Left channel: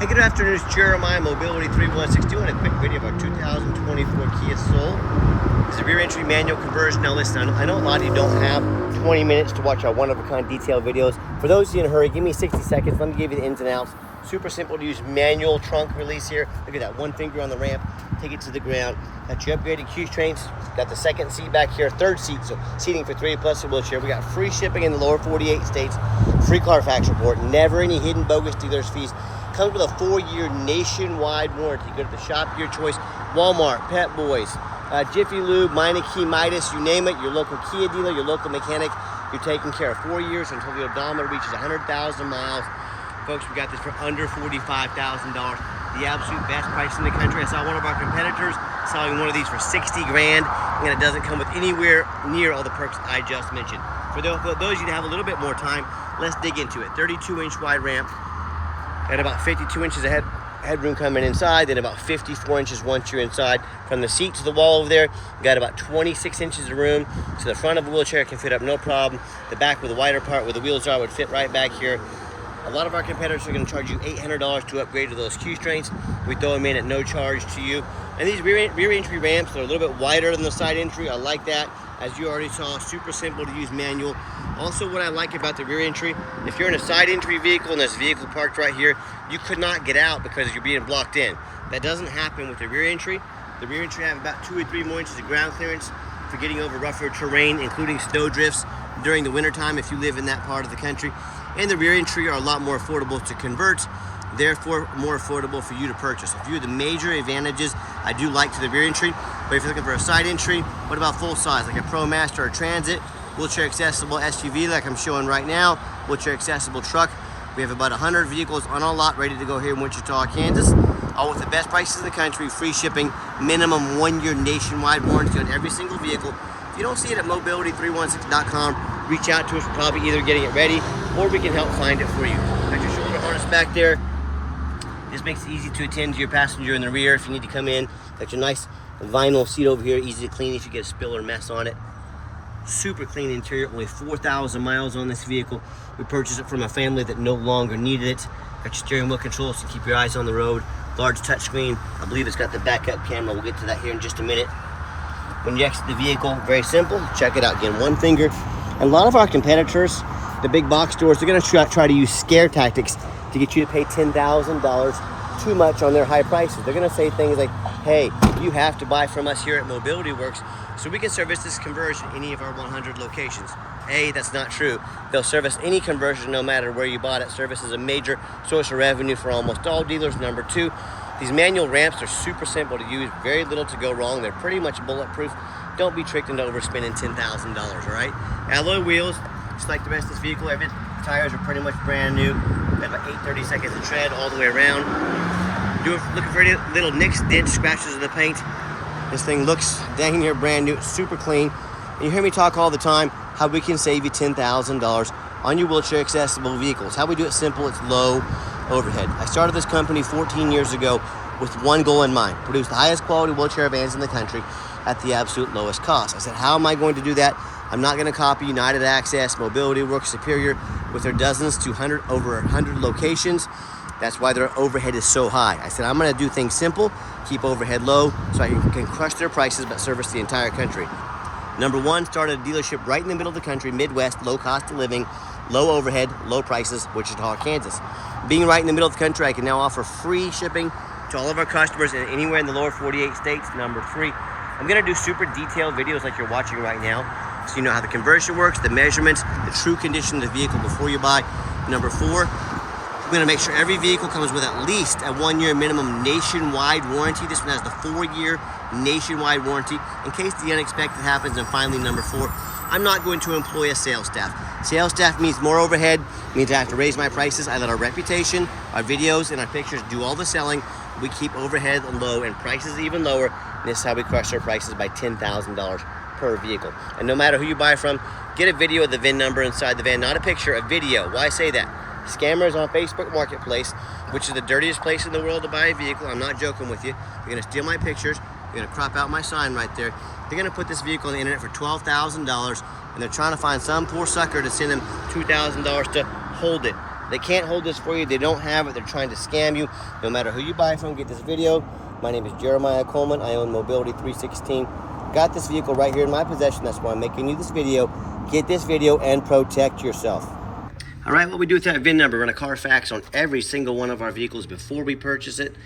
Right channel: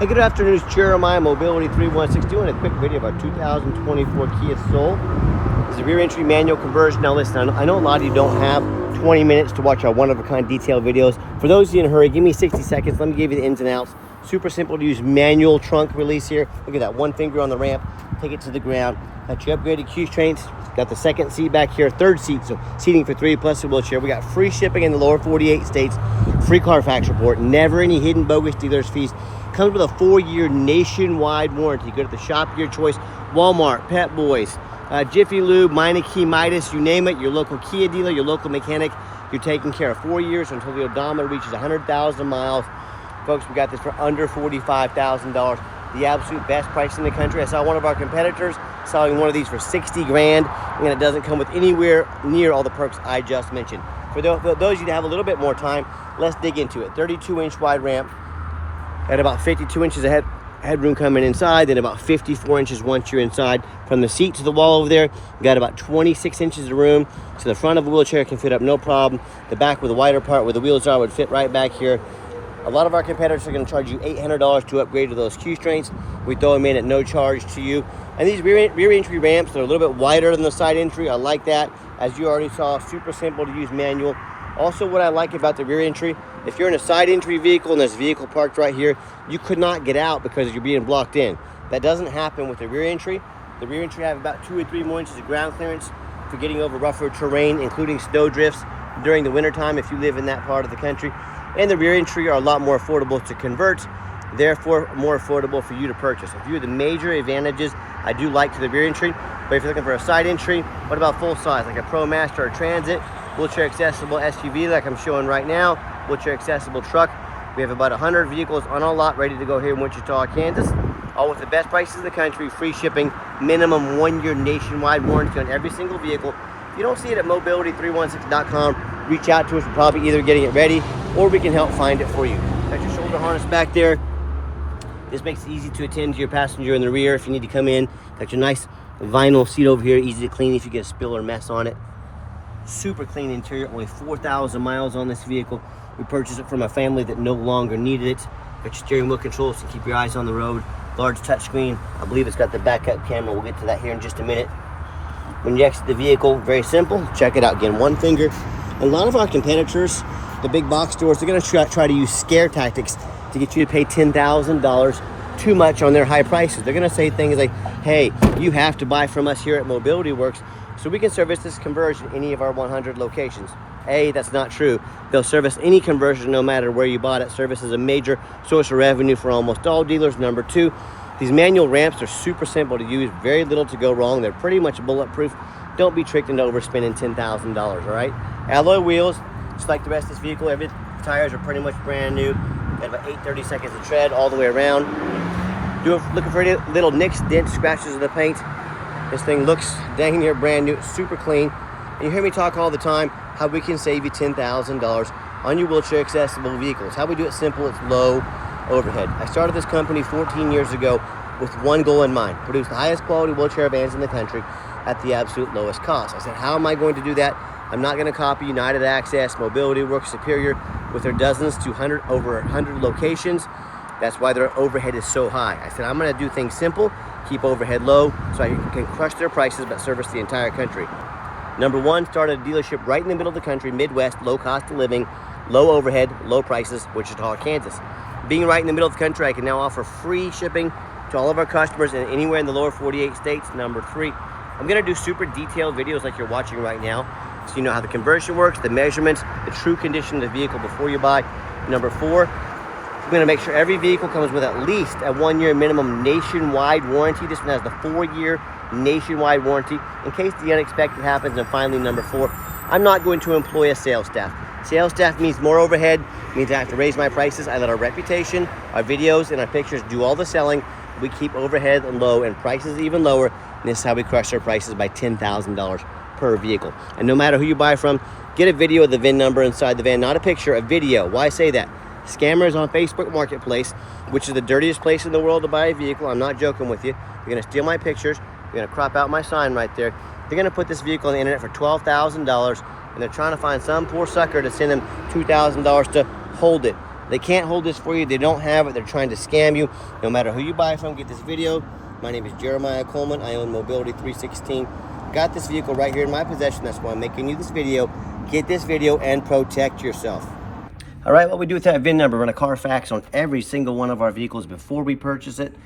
Hey, good afternoon, it's Jeremiah, Mobility 316, doing a quick video about 2024 Kia Soul. It's a rear entry manual conversion. Now listen, I know a lot of you don't have 20 minutes to watch our one-of-a-kind detailed videos. For those of you in a hurry, give me 60 seconds. Let me give you the ins and outs. Super simple to use manual trunk release here. Look at that, one finger on the ramp, take it to the ground. Got your upgraded Q strengths. Got the second seat back here, third seat, so seating for 3 plus a wheelchair. We got free shipping in the lower 48 states, free Carfax report, never any hidden bogus dealers fees. Comes with a 4-year nationwide warranty. Go to the shop of your choice, Walmart, Pep Boys, Jiffy Lube, Meineke, Midas, you name it, your local Kia dealer, your local mechanic, you're taking care of. 4 years until the odometer reaches 100,000 miles. Folks, we got this for under $45,000. The absolute best price in the country. I saw one of our competitors selling one of these for 60 grand, and it doesn't come with anywhere near all the perks I just mentioned. For those of you that have a little bit more time, let's dig into it. 32-inch wide ramp at about 52 inches of headroom coming inside, then about 54 inches once you're inside. From the seat to the wall over there, you got about 26 inches of room, so the front of a wheelchair can fit up no problem. The back with the wider part where the wheels are would fit right back here. A lot of our competitors are going to charge you $800 to upgrade to those Q strengths. We throw them in at no charge to you. And these rear entry ramps are a little bit wider than the side entry. I like that. As you already saw, super simple to use manual. Also, what I like about the rear entry, if you're in a side entry vehicle and there's a vehicle parked right here, you could not get out because you're being blocked in. That doesn't happen with the rear entry. The rear entry have about 2 or 3 more inches of ground clearance for getting over rougher terrain, including snow drifts during the wintertime if you live in that part of the country. And the rear entry are a lot more affordable to convert, therefore more affordable for you to purchase. A few of the major advantages I do like to the rear entry, but if you're looking for a side entry, what about full size, like a Pro Master or Transit, wheelchair accessible SUV like I'm showing right now, wheelchair accessible truck. We have about 100 vehicles on our lot ready to go here in Wichita, Kansas, all with the best prices in the country, free shipping, minimum 1-year nationwide warranty on every single vehicle. If you don't see it at mobility316.com, reach out to us. We're probably either getting it ready or we can help find it for you. Got your shoulder harness back there. This makes it easy to attend to your passenger in the rear if you need to come in. Got your nice vinyl seat over here, easy to clean if you get a spill or mess on it. Super clean interior, only 4,000 miles on this vehicle. We purchased it from a family that no longer needed it. Got your steering wheel controls to keep your eyes on the road. Large touchscreen. I believe it's got the backup camera. We'll get to that here in just a minute. When you exit the vehicle, very simple. Check it out again, one finger. A lot of our competitors, the big box stores, they're going to try to use scare tactics to get you to pay $10,000 too much on their high prices. They're going to say things like, hey, you have to buy from us here at Mobility Works so we can service this conversion in any of our 100 locations. A, that's not true. They'll service any conversion no matter where you bought it. Service is a major source of revenue for almost all dealers. Number 2, these manual ramps are super simple to use, very little to go wrong. They're pretty much bulletproof. Don't be tricked into overspending $10,000, all right? Alloy wheels, just like the rest of this vehicle, every tires are pretty much brand new. They have about 8/32 of tread all the way around. You're looking for any little nicks, dents, scratches of the paint. This thing looks dang near brand new, super clean. And you hear me talk all the time how we can save you $10,000 on your wheelchair accessible vehicles. How we do it simple, it's low overhead. I started this company 14 years ago with one goal in mind: produce the highest quality wheelchair vans in the country at the absolute lowest cost. I said, how am I going to do that? I'm not going to copy United Access, Mobility Works, Superior with their dozens to over 100 locations. That's why their overhead is so high. I said, I'm going to do things simple, keep overhead low, so I can crush their prices but service the entire country. Number 1, started a dealership right in the middle of the country, Midwest, low cost of living, low overhead, low prices, Wichita, Kansas. Being right in the middle of the country, I can now offer free shipping to all of our customers and anywhere in the lower 48 states. Number 3, I'm going to do super detailed videos like you're watching right now, so you know how the conversion works, the measurements, the true condition of the vehicle before you buy. Number 4, I'm going to make sure every vehicle comes with at least a 1-year minimum nationwide warranty. This one has the 4-year nationwide warranty in case the unexpected happens. And finally, number 4, I'm not going to employ a sales staff. Sales staff means more overhead, means I have to raise my prices. I let our reputation, our videos, and our pictures do all the selling. We keep overhead low and prices even lower. And this is how we crush our prices by $10,000 per vehicle. And no matter who you buy from, get a video of the VIN number inside the van, not a picture, a video. Why say that? Scammers on Facebook Marketplace, which is the dirtiest place in the world to buy a vehicle. I'm not joking with you. You're going to steal my pictures. You're going to crop out my sign right there. They're going to put this vehicle on the internet for $12,000, and they're trying to find some poor sucker to send them $2,000 to hold it. They can't hold this for you. They don't have it. They're trying to scam you. No matter who you buy from, get this video. My name is Jeremiah Coleman. I own Mobility 316. Got this vehicle right here in my possession. That's why I'm making you this video. Get this video and protect yourself. All right, what we do with that VIN number, run a Carfax on every single one of our vehicles before we purchase it.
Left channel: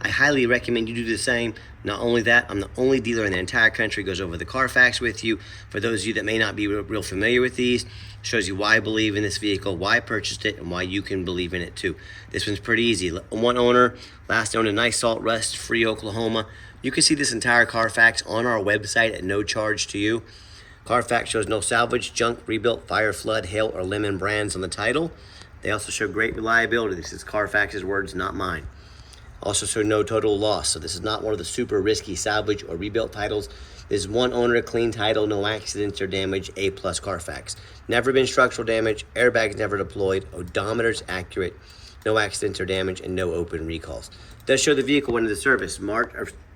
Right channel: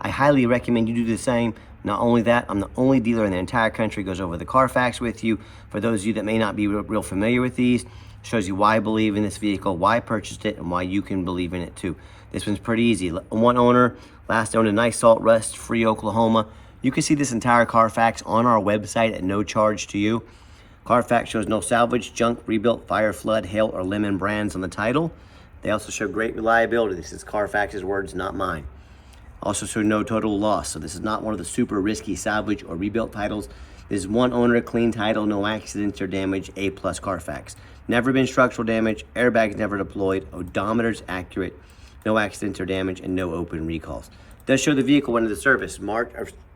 I highly recommend you do the same. Not only that, I'm the only dealer in the entire country goes over the Carfax with you. For those of you that may not be real familiar with these, shows you why I believe in this vehicle, why I purchased it, and why you can believe in it too. This one's pretty easy. One owner, last owner, nice salt rust free Oklahoma. You can see this entire Carfax on our website at no charge to you. Carfax shows no salvage, junk, rebuilt, fire, flood, hail, or lemon brands on the title. They also show great reliability. This is Carfax's words, not mine. Also show no total loss. So this is not one of the super risky salvage or rebuilt titles. This is one owner, clean title, no accidents or damage, A+ Carfax. Never been structural damage, airbags never deployed, odometer's accurate, no accidents or damage, and no open recalls. Does show the vehicle went into service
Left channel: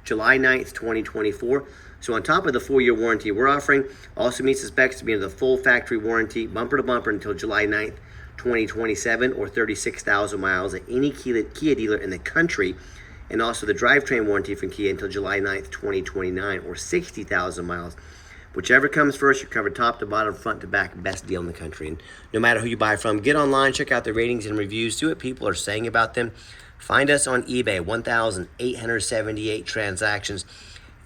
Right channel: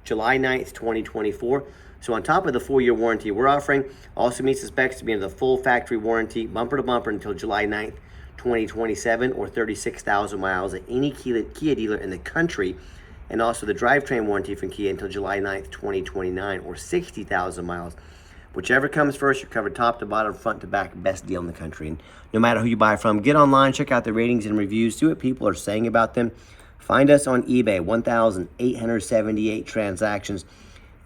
July 9th, 2024. So on top of the 4-year warranty we're offering, also meets the specs to be in the full factory warranty, bumper to bumper until July 9th, 2027, or 36,000 miles at any Kia dealer in the country, and also the drivetrain warranty from Kia until July 9th, 2029, or 60,000 miles. Whichever comes first, you're covered top to bottom, front to back, best deal in the country. And no matter who you buy from, get online, check out the ratings and reviews, see what people are saying about them. Find us on eBay, 1,878 transactions.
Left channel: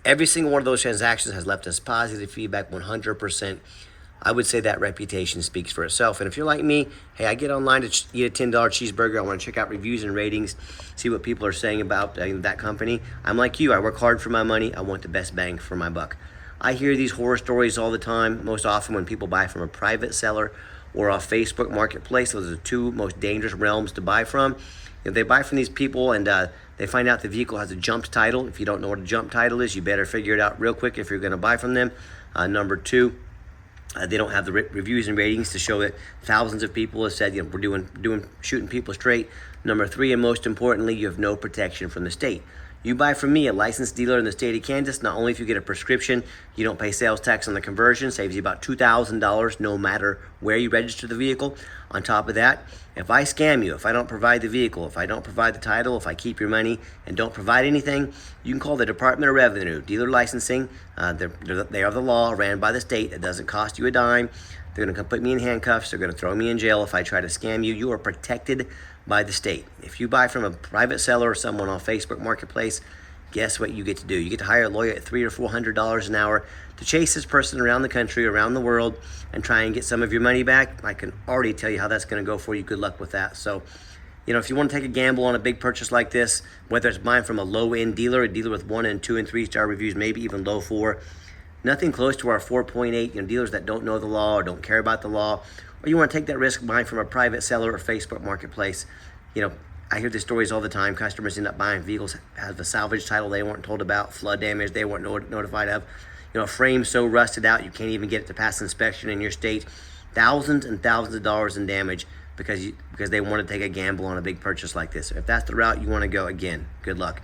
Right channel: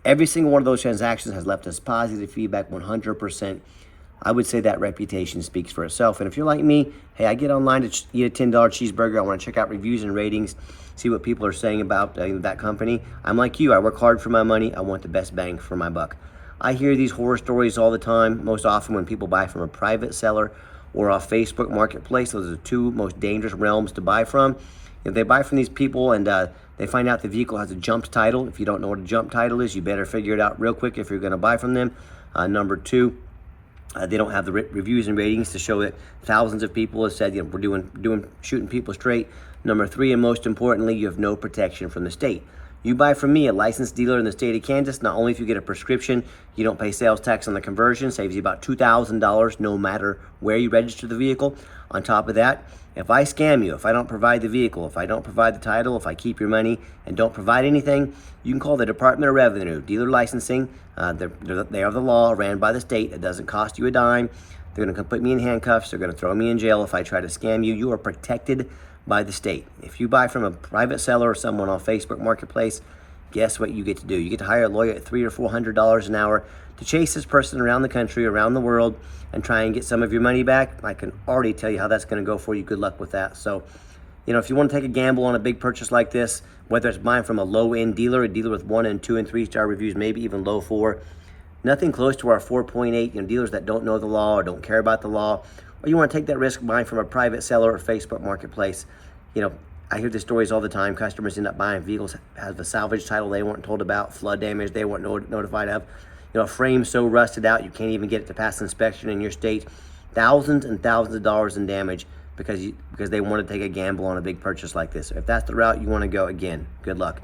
Every single one of those transactions has left us positive feedback, 100%. I would say that reputation speaks for itself. And if you're like me, hey, I get online to eat a $10 cheeseburger. I want to check out reviews and ratings, see what people are saying about that company. I'm like you. I work hard for my money. I want the best bang for my buck. I hear these horror stories all the time, most often when people buy from a private seller or off Facebook Marketplace. Those are the two most dangerous realms to buy from. If they buy from these people and they find out the vehicle has a jumped title. If you don't know what a jump title is, you better figure it out real quick if you're going to buy from them. Number two, they don't have the reviews and ratings to show that thousands of people have said, we're shooting people straight. Number three, and most importantly, you have no protection from the state. You buy from me, a licensed dealer in the state of Kansas. Not only if you get a prescription, you don't pay sales tax on the conversion, saves you about $2,000 no matter where you register the vehicle. On top of that, if I scam you, if I don't provide the vehicle, if I don't provide the title, if I keep your money and don't provide anything, you can call the Department of Revenue, dealer licensing. They are the law, ran by the state. It doesn't cost you a dime. They're gonna come put me in handcuffs. They're gonna throw me in jail if I try to scam you. You are protected by the state. If you buy from a private seller or someone on Facebook Marketplace, guess what you get to do? You get to hire a lawyer at $300 or $400 an hour to chase this person around the country, around the world, and try and get some of your money back. I can already tell you how that's gonna go for you. Good luck with that. So, if you wanna take a gamble on a big purchase like this, whether it's buying from a low-end dealer, a dealer with 1 and 2 and 3 star reviews, maybe even low 4, nothing close to our 4.8, dealers that don't know the law or don't care about the law, or you wanna take that risk buying from a private seller or Facebook Marketplace. I hear these stories all the time. Customers end up buying vehicles, have the salvage title they weren't told about, flood damage they weren't notified of, a frame so rusted out you can't even get it to pass inspection in your state. Thousands and thousands of dollars in damage because they want to take a gamble on a big purchase like this. If that's the route you want to go, again, good luck.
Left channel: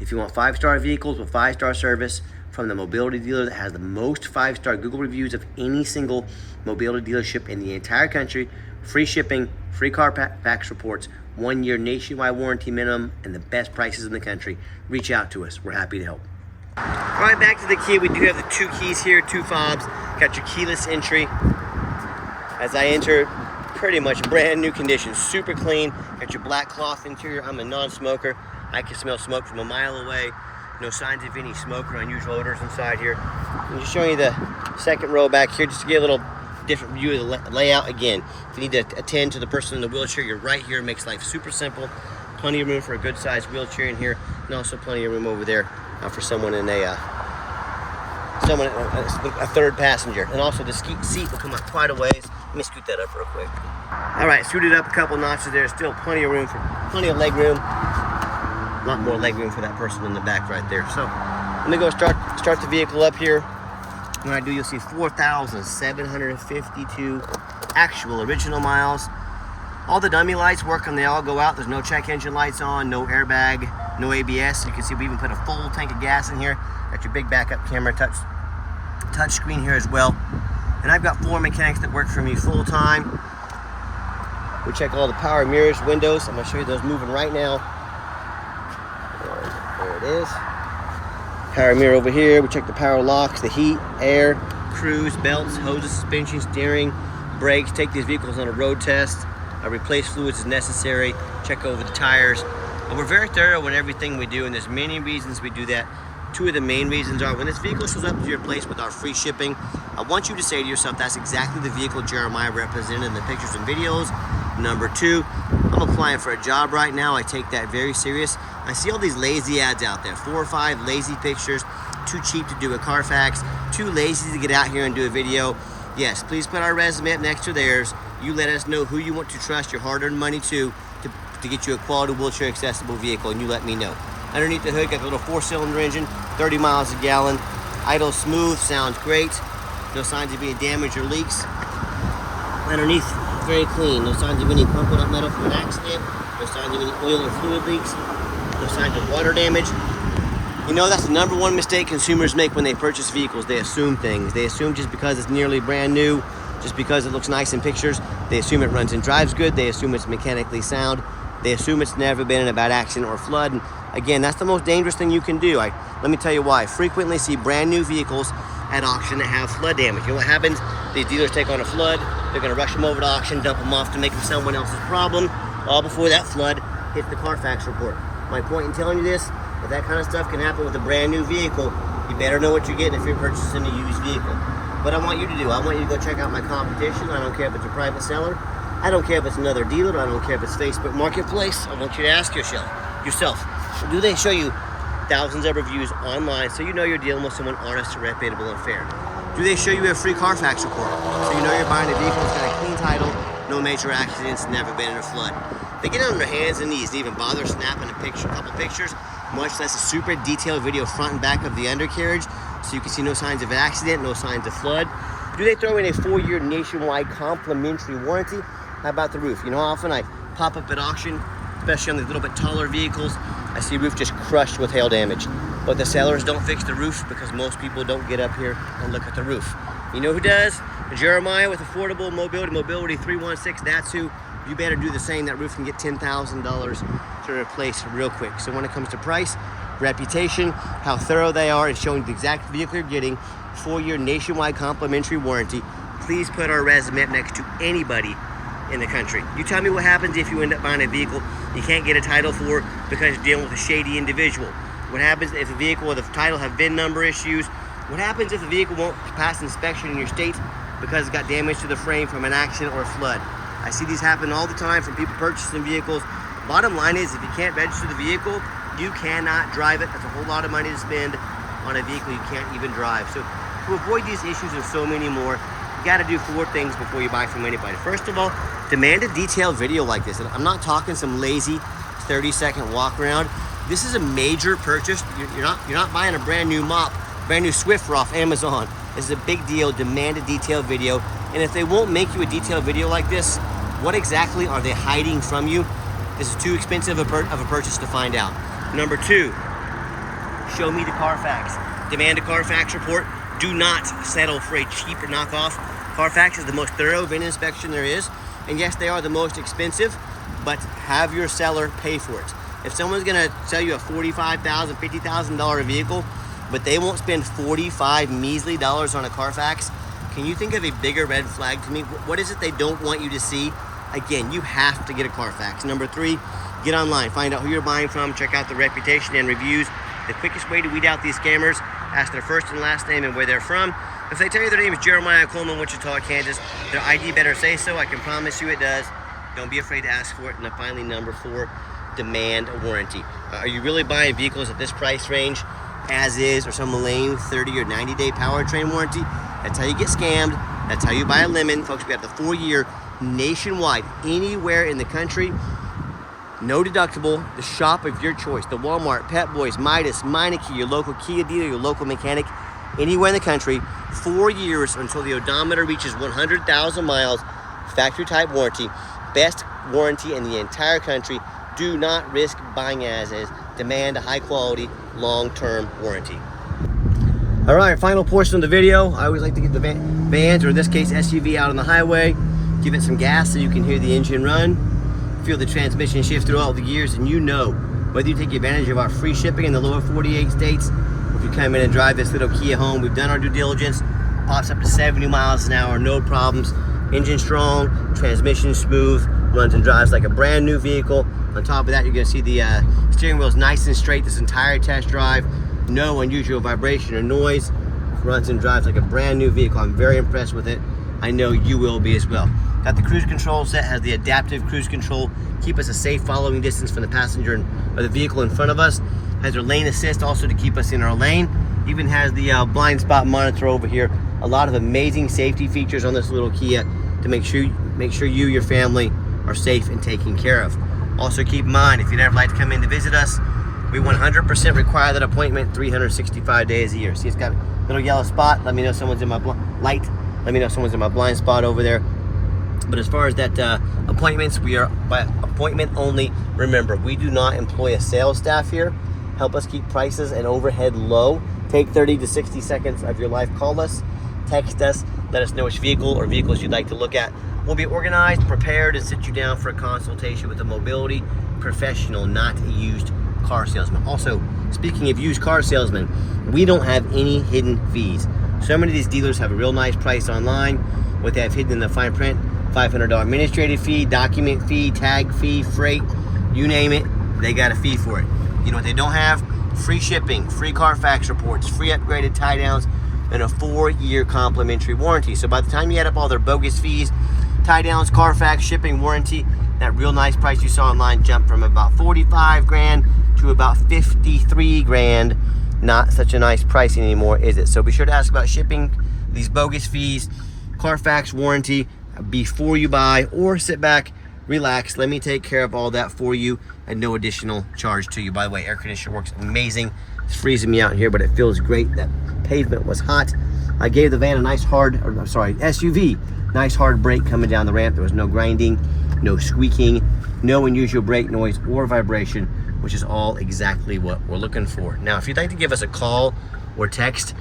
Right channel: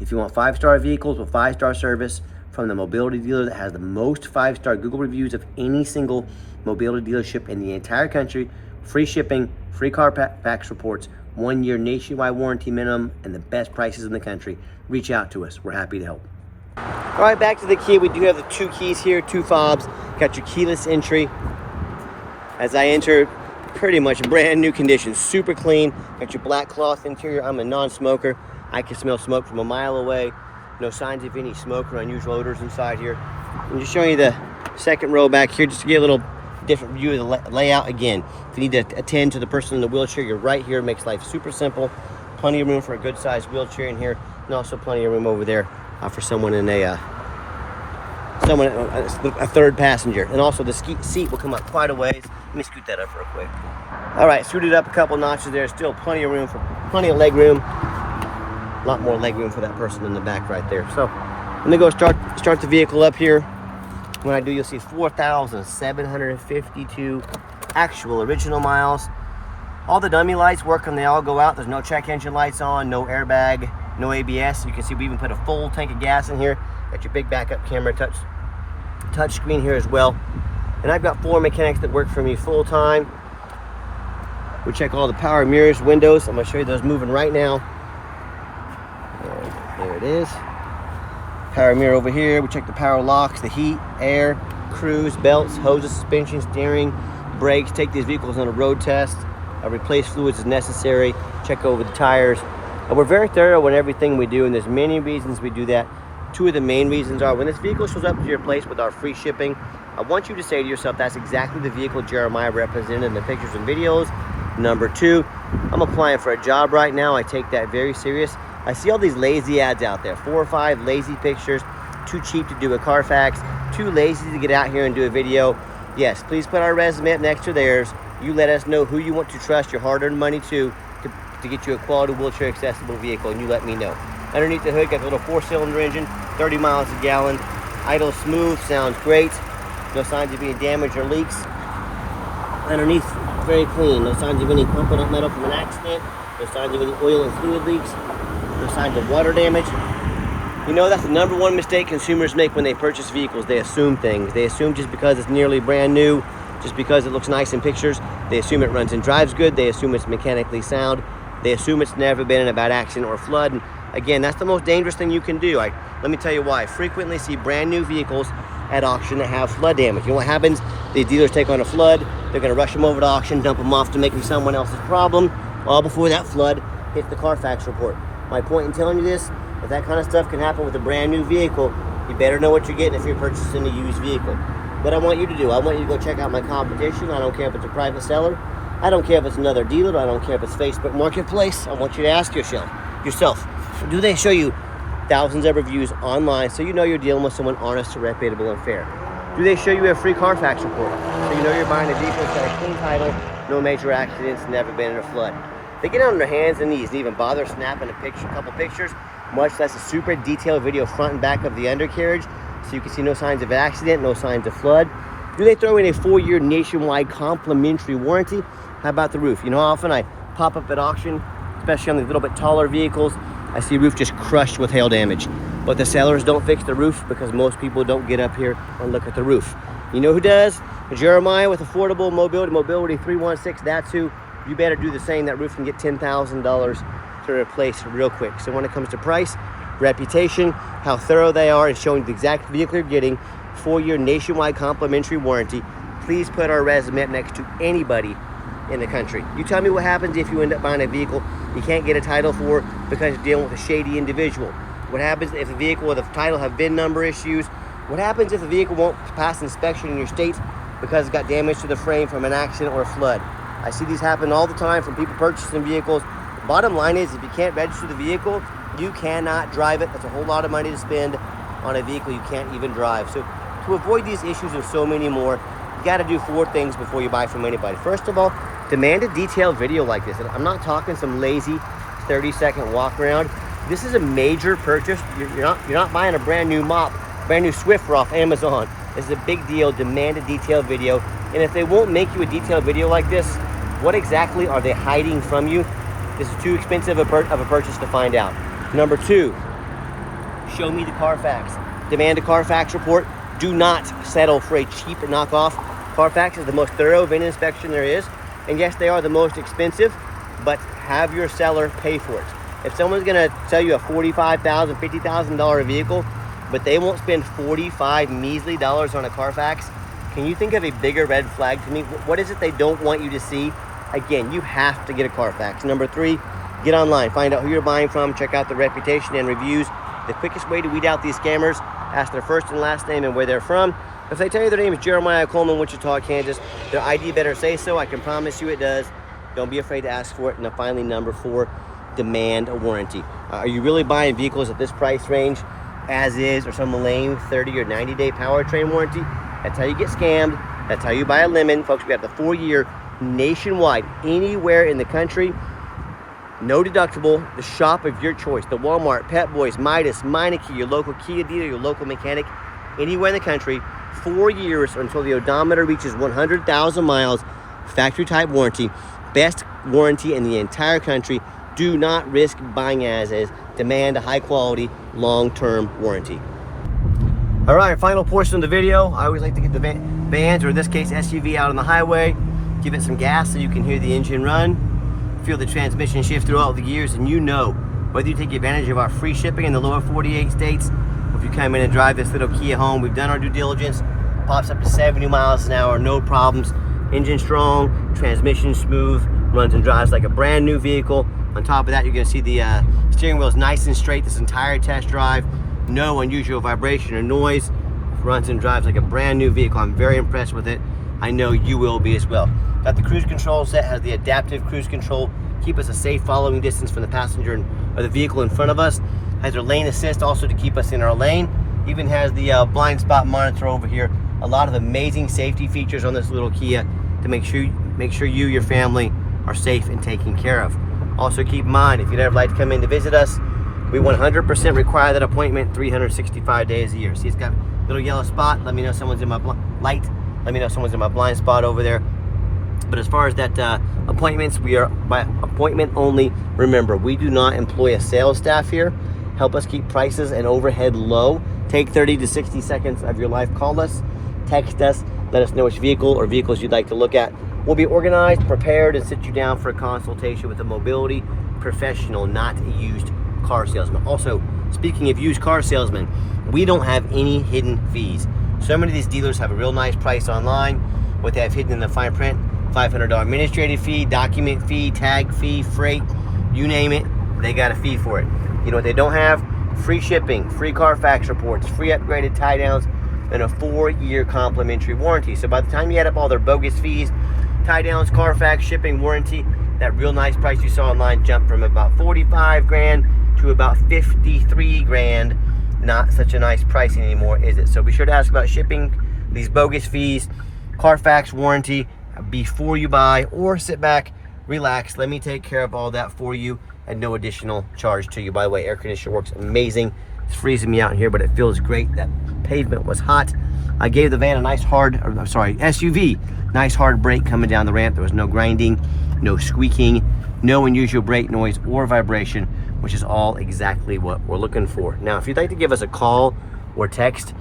If you want 5-star vehicles with 5-star service from the mobility dealer that has the most 5-star Google reviews of any single mobility dealership in the entire country, free shipping, free Carfax reports, 1-year nationwide warranty minimum, and the best prices in the country, reach out to us. We're happy to help. All right, back to the Kia. We do have the 2 keys here, 2 fobs. Got your keyless entry. As I enter, pretty much brand new condition, super clean. Got your black cloth interior. I'm a non-smoker. I can smell smoke from a mile away. No signs of any smoke or unusual odors inside here. I'm just showing you the second row back here just to get a little different view of the layout. Again, if you need to attend to the person in the wheelchair, you're right here. It makes life super simple. Plenty of room for a good sized wheelchair in here, and also plenty of room over there for someone in a third passenger. And also the seat will come up quite a ways. Let me scoot that up real quick. All right, scooted up a couple notches there. Still plenty of room for plenty of leg room. A lot more leg room for that person in the back right there. So I'm gonna go start the vehicle up here. When I do, you'll see 4,752 actual original miles. All the dummy lights work and they all go out. There's no check engine lights on, no airbag, no ABS. You can see we even put a full tank of gas in here. Got your big backup camera, touch screen here as well. And I've got 4 mechanics that work for me full time. We check all the power mirrors, windows. I'm gonna show you those moving right now. There it is. Power mirror over here. We check the power locks, the heat, air, cruise, belts, hoses, suspension, steering, brakes. Take these vehicles on a road test. Replace fluids as necessary. Check over the tires. And we're very thorough in everything we do, and there's many reasons we do that. Two of the main reasons are when this vehicle shows up to your place with our free shipping, I want you to say to yourself, that's exactly the vehicle Jeremiah represented in the pictures and videos. Number two, I'm applying for a job right now. I take that very serious. I see all these lazy ads out there, 4 or 5 lazy pictures, too cheap to do a Carfax, too lazy to get out here and do a video. Yes, please put our resume up next to theirs. You let us know who you want to trust your hard-earned money to get you a quality wheelchair accessible vehicle, and you let me know. Underneath the hood, got a little 4-cylinder engine, 30 miles a gallon, idle smooth, sounds great. No signs of any damage or leaks. Underneath, very clean. No signs of any crumpled up metal from an accident. No signs of any oil or fluid leaks. No signs of water damage. You know, that's the #1 mistake consumers make when they purchase vehicles. They assume things. They assume just because it's nearly brand new, just because it looks nice in pictures, they assume it runs and drives good. They assume it's mechanically sound. They assume it's never been in a bad accident or flood. And again, that's the most dangerous thing you can do. Let me tell you why. I frequently see brand new vehicles at auction that have flood damage. You know what happens? These dealers take on a flood. They're going to rush them over to auction, dump them off to make them someone else's problem, all before that flood hits the Carfax report. My point in telling you this, if that kind of stuff can happen with a brand new vehicle, you better know what you're getting if you're purchasing a used vehicle. What I want you to do, I want you to go check out my competition. I don't care if it's a private seller. I don't care if it's another dealer. I don't care if it's Facebook Marketplace. I want you to ask yourself, do they show you thousands of reviews online so you know you're dealing with someone honest, reputable, and fair? Do they show you a free Carfax report so you know you're buying a vehicle that's got a clean title, no major accidents, never been in a flood? They get on their hands and knees and even bother snapping a couple pictures, much less a super detailed video front and back of the undercarriage so you can see no signs of an accident, no signs of flood. Do they throw in a 4-year nationwide complimentary warranty? How about the roof? You know how often I pop up at auction, especially on the little bit taller vehicles, I see a roof just crushed with hail damage. But the sellers don't fix the roof because most people don't get up here and look at the roof. You know who does? Jeremiah with Affordable Mobility 316, that's who. You better do the same. That roof can get $10,000 to replace real quick. So when it comes to price, reputation, how thorough they are, and showing the exact vehicle you're getting, 4-year nationwide complimentary warranty, please put our resume up next to anybody in the country. You tell me what happens if you end up buying a vehicle you can't get a title for because you're dealing with a shady individual. What happens if a vehicle with a title have VIN number issues? What happens if a vehicle won't pass inspection in your state because it got damage to the frame from an accident or a flood? I see these happen all the time from people purchasing vehicles. Bottom line is, if you can't register the vehicle, you cannot drive it. That's a whole lot of money to spend on a vehicle you can't even drive. So to avoid these issues and so many more, you got to do 4 things before you buy from anybody. First of all, demand a detailed video like this. And I'm not talking some lazy 30-second walk around. This is a major purchase. You're not buying a brand new mop, brand new Swiffer off Amazon. This is a big deal. Demand a detailed video. And if they won't make you a detailed video like this, what exactly are they hiding from you? This is too expensive of a purchase to find out. Number 2, show me the Carfax. Demand a Carfax report. Do not settle for a cheap knockoff. Carfax is the most thorough VIN inspection there is. And yes, they are the most expensive, but have your seller pay for it. If someone's gonna sell you a $45,000, $50,000 vehicle, but they won't spend $45 measly dollars on a Carfax, can you think of a bigger red flag to me? What is it they don't want you to see? Again, you have to get a Carfax. Number 3, get online. Find out who you're buying from. Check out the reputation and reviews. The quickest way to weed out these scammers, ask their first and last name and where they're from. If they tell you their name is Jeremiah Coleman, Wichita, Kansas, their ID better say so. I can promise you it does. Don't be afraid to ask for it. And then finally, number 4, demand a warranty. Are you really buying vehicles at this price range as is, or some lame 30 or 90-day powertrain warranty? That's how you get scammed. That's how you buy a lemon. Folks, we have the 4-year nationwide, anywhere in the country. No deductible, the shop of your choice. The Walmart, Pep Boys, Midas, Meineke, your local Kia dealer, your local mechanic, anywhere in the country. 4 years until the odometer reaches 100,000 miles. Factory type warranty. Best warranty in the entire country. Do not risk buying as is. Demand a high quality, long-term warranty. All right, final portion of the video. I always like to get the vans, or in this case SUV, out on the highway. Give it some gas so you can hear the engine run. Feel the transmission shift through all the gears, and you know whether you take advantage of our free shipping in the lower 48 states, if you come in and drive this little Kia home, we've done our due diligence. Pops up to 70 miles an hour, no problems. Engine strong, transmission smooth, runs and drives like a brand new vehicle. On top of that, you're going to see the steering wheel is nice and straight this entire test drive. No unusual vibration or noise. Runs and drives like a brand new vehicle. I'm very impressed with it. I know you will be as well. Got the cruise control set, has the adaptive cruise control. Keep us a safe following distance from the passenger or the vehicle in front of us. Has our lane assist also to keep us in our lane. Even has the blind spot monitor over here. A lot of amazing safety features on this little Kia to make sure you, your family are safe and taken care of. Also keep in mind, if you'd ever like to come in to visit us, we 100% require that appointment 365 days a year. See, it's got a little yellow spot. Let me know someone's in my light. Let me know someone's in my blind spot over there. But as far as that appointments, we are by appointment only. Remember, we do not employ a sales staff here. Help us keep prices and overhead low. Take 30 to 60 seconds of your life. Call us, text us, let us know which vehicle or vehicles you'd like to look at. We'll be organized, prepared, and sit you down for a consultation with a mobility professional, not a used car salesman. Also, speaking of used car salesmen, we don't have any hidden fees. So many of these dealers have a real nice price online. What they have hidden in the fine print, $500 administrative fee, document fee, tag fee, freight, you name it, they got a fee for it. You know what they don't have? Free shipping, free Carfax reports, free upgraded tie downs, and a 4-year complimentary warranty. So by the time you add up all their bogus fees, tie downs, Carfax, shipping, warranty, that real nice price you saw online jumped from about 45 grand to about 53 grand. Not such a nice pricing anymore, is it? So be sure to ask about shipping, these bogus fees, Carfax warranty before you buy, or sit back, relax, let me take care of all that for you at no additional charge to you. By the way, air conditioner works amazing. It's freezing me out here, but it feels great. That pavement was hot. I gave the van a nice SUV, nice hard brake coming down the ramp. There was no grinding, no squeaking, no unusual brake noise or vibration, which is all exactly what we're looking for. Now, if you'd like to give us a call or text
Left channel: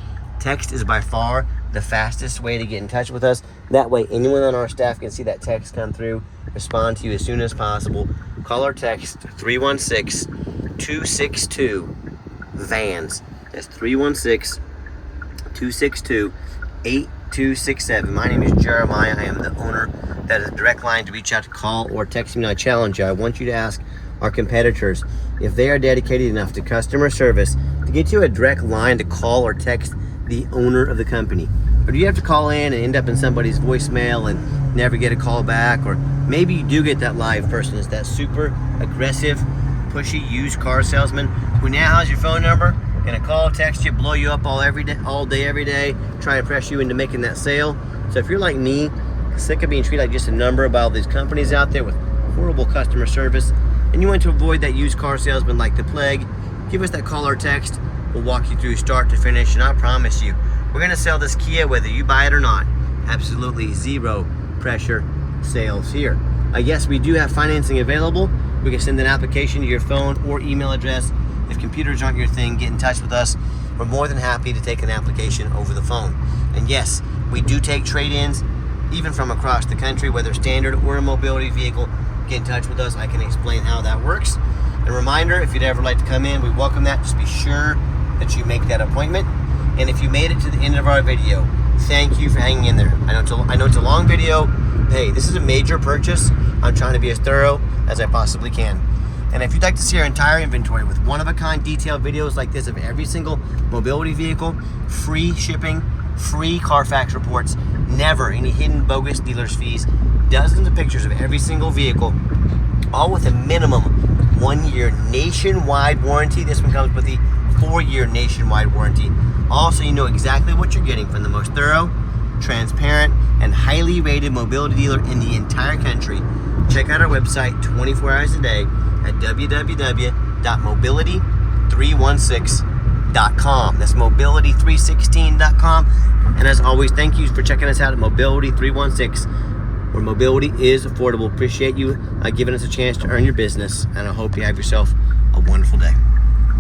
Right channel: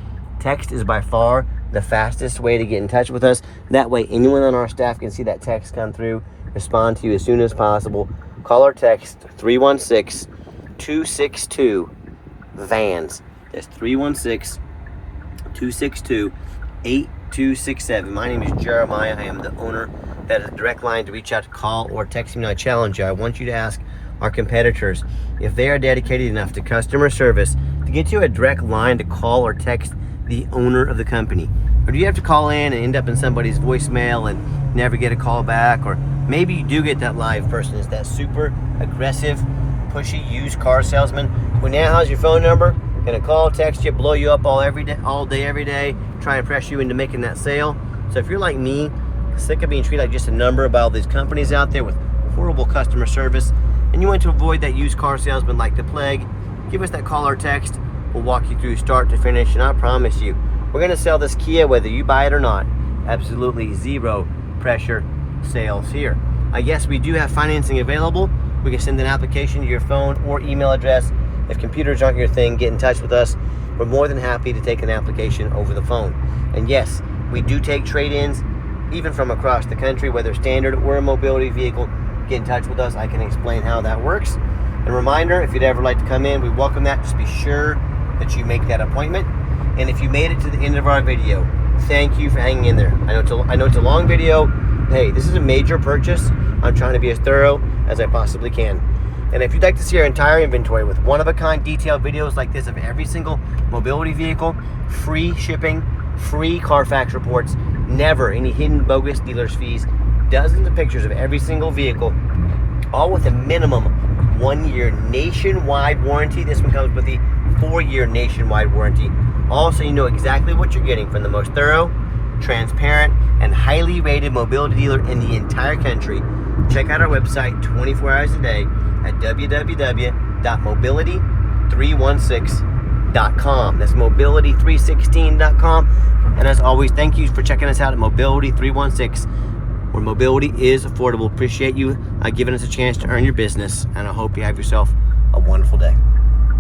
is by far the fastest way to get in touch with us. That way, anyone on our staff can see that text come through, respond to you as soon as possible. Call or text 316-262-VANS. That's 316-262-8267. My name is Jeremiah. I am the owner. That is a direct line to reach out to call or text me. I challenge you. I want you to ask our competitors if they are dedicated enough to customer service to get you a direct line to call or text the owner of the company. Or do you have to call in and end up in somebody's voicemail and never get a call back? Or maybe you do get that live person. It's that super aggressive, pushy used car salesman who now has your phone number, gonna call, text you, blow you up all day, every day, try and press you into making that sale. So if you're like me, sick of being treated like just a number by all these companies out there with horrible customer service, and you want to avoid that used car salesman like the plague, give us that call or text. We'll walk you through start to finish, and I promise you, we're going to sell this Kia whether you buy it or not. Absolutely zero pressure sales here. Yes, we do have financing available. We can send an application to your phone or email address. If computers aren't your thing, get in touch with us. We're more than happy to take an application over the phone. And yes, we do take trade-ins, even from across the country, whether standard or a mobility vehicle. Get in touch with us. I can explain how that works. And a reminder, if you'd ever like to come in, we welcome that. Just be sure that you make that appointment. And if you made it to the end of our video, thank you for hanging in there. I know it's a long video. Hey, this is a major purchase. I'm trying to be as thorough as I possibly can. And if you'd like to see our entire inventory with one-of-a-kind detailed videos like this of every single mobility vehicle, free shipping, free Carfax reports, never any hidden bogus dealer's fees, dozens of pictures of every single vehicle, all with a minimum 1-year nationwide warranty. This one comes with the 4-year nationwide warranty. Also, you know exactly what you're getting from the most thorough, transparent, and highly rated mobility dealer in the entire country. Check out our website 24 hours a day at www.mobility316.com. That's mobility316.com. And as always, thank you for checking us out at Mobility 316, where mobility is affordable. Appreciate you giving us a chance to earn your business, and I hope you have yourself a wonderful day.